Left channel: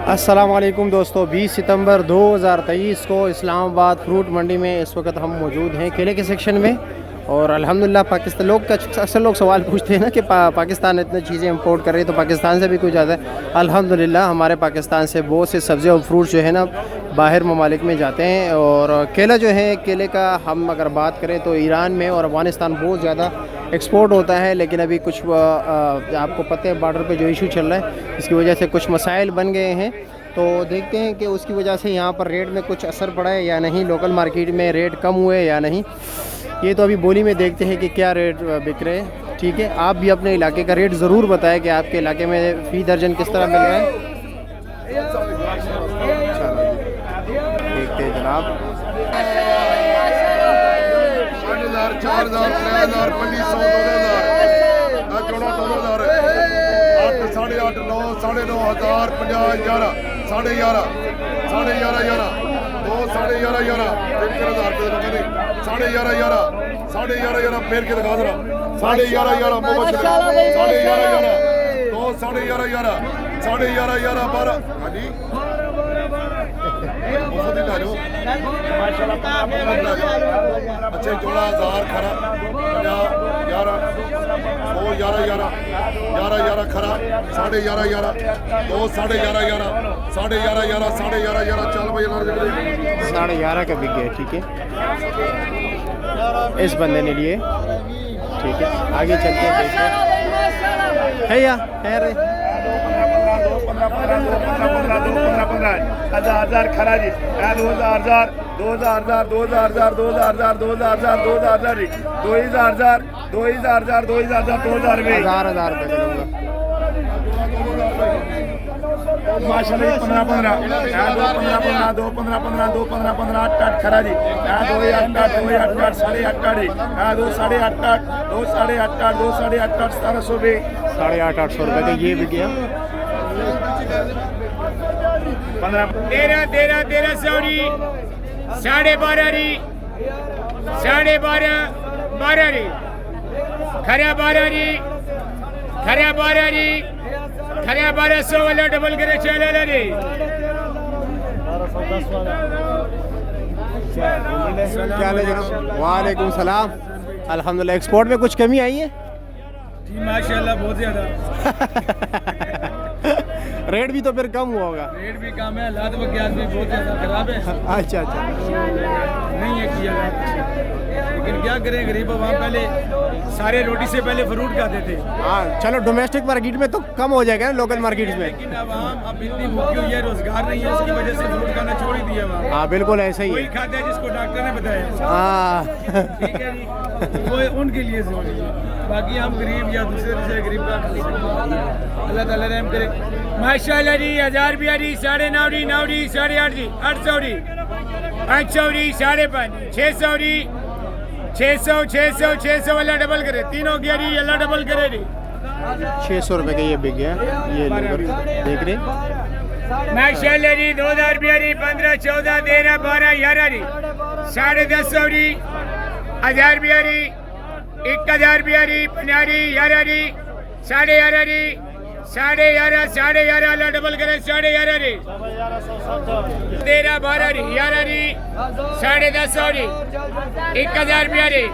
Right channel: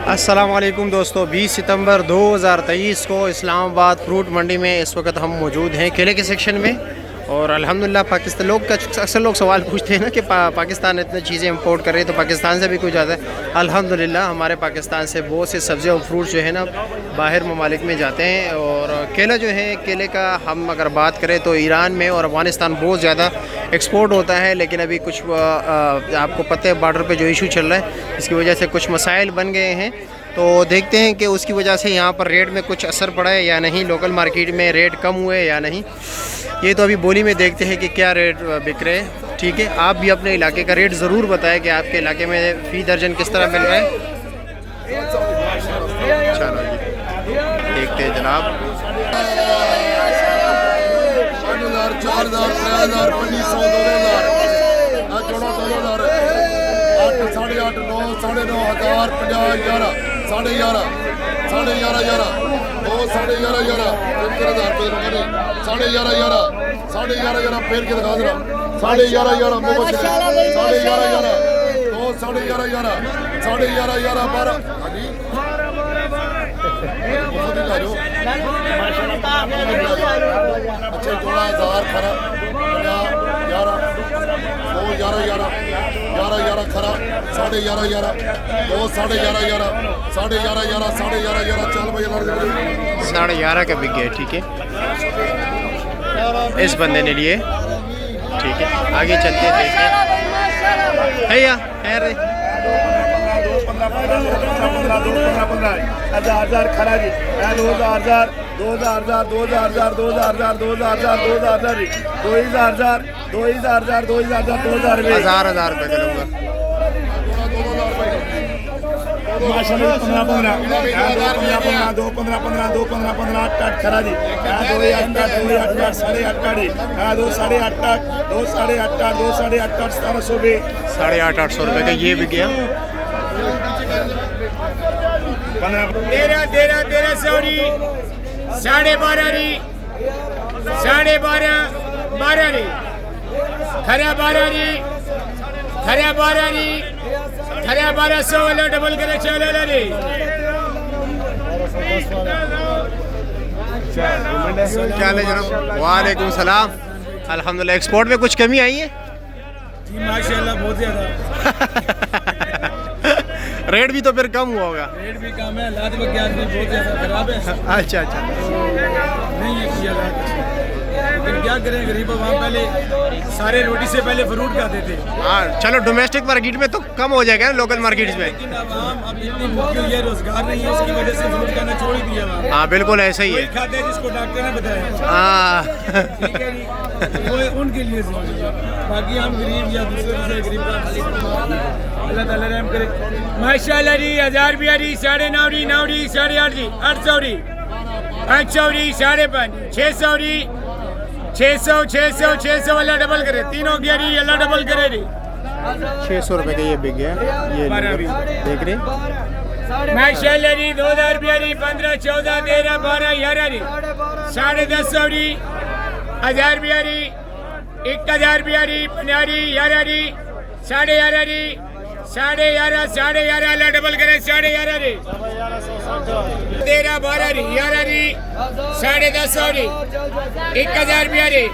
अस्सलाम वालेकुम दोस्तों, 20 सितंबर 2023 को इस्लामाबाद फ्रूट मंडी में इस वक्त हम मौजूद हैं केले के सेक्शन में। और अल्हम्दुलिल्लाह पाकिस्तान लोग का अक्सर लोग सवाल पूछते हैं ना कि पाकिस्तान इतनी चीज़ें इंपोर्ट कर रही है तो पाकिस्तान से भी कुछ ज़्यादा है। अल्हम्दुलिल्लाह हमारे पाकिस्तान से बहुत से सब्ज़ी और फ्रूट जो है ना बाहर ममालिक में जाते हैं। और केला जो है, केले का हम अगर बात करें तो ईरान में और अफ़गानिस्तान बहुत ज़्यादा एक्सपोर्ट होता है। लेकिन अभी कुछ आपको पता है बॉर्डर पे जो इशू चल रहा है, इसकी वजह से कुछ मसाइल बन गए हैं। तो देखते हैं कि उसकी वजह से यहाँ पर रेट में कुछ असर पड़ा है या नहीं, लोकल मार्केट में रेट कम हुए या नहीं, ये तो अभी बोली में देखते हैं कि क्या रेट बिक रहे हैं। ठीक है, आप भी अपने इलाके का रेट ज़रूर बताएं कि आपके इलाके में फ़ी दर्जन किस तरह मिल रहा है। चलो जी देखते हैं जनाब। 11.5 का बिक गया। ठीक है, इस बंदे ने लिए। ठीक है, आगे चलते हैं, देखते हैं। भैया खैर हजार रुपये करूँगा। माशाल्लाह 15 दो 15 8 खरा जी 2 8 साढ़े 8 दो 850 रुपये का ये भी गया। 13 सौरी 12.5 री 12.5 12 री खरा 12 री 1200 वाला डबल करे चले रे। क्या हाल है जनाब? वालेकुम सलाम। अल्हम्दुलिल्लाह एक्सपोर्ट में कुछ कमी आई है जी माशाल्लाह, बहुत ज़्यादा। रेट भी तो फिर कम हुआ होगा। रेट भी कम है, हालात वगैरह भी बहुत ज़्यादा ख़राब है। अच्छा अच्छा, नहीं है किया जाता, लेकिन क्या करें, गरीब वहाँ पहले सारे रोटी से पहले फ्रूट खाते थे। हाँ चलो, डोमेस्टिक मार्केट में तो कम हो जाएगा ना, लोकल मार्केट में। लेकिन अब आम अब इतनी भूखी हुई है, रोजगार नहीं है, उसकी वजह से फ्रूट खाना छोड़ ही दिया वहाँ। हाँ बिल्कुल ऐसा ही वही है। खाता है जिसको डॉक्टर ने बताया। हाँ ठीक है जी, वो उनके लिए जरूरी है, बाकी हम गरीब या दूसरे गरीब का अल्लाह ताला रहम करे। माशाल्लाह जी 1000 रुपया री 9.5 री 9 री 8.5 री 800 री 800 री 5.5 600 री 600 वाला डबल करे, तीनों गया री अल्लाह डबल करे री। 600 रुपये का ये बिक गया। ये देख रहे। माशाल्लाह जी 2000 रुपया री 15 14 13 12 11 री 1050 री 1000 रुपया री 1000 रुपया री 50 री 11 री 11.5 री 11.5 अल्लाह डबल करे 11.5 री 13 12 री 11 री 10.5 री 1000 रुपया री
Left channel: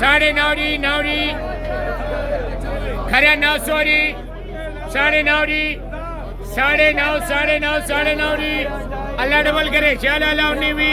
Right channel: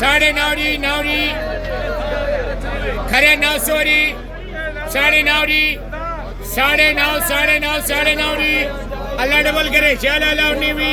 9.5 री 9 री खरा 900 री 9.5 री 9.5 री अल्लाह डबल करे 4 अल्लाह 19 भी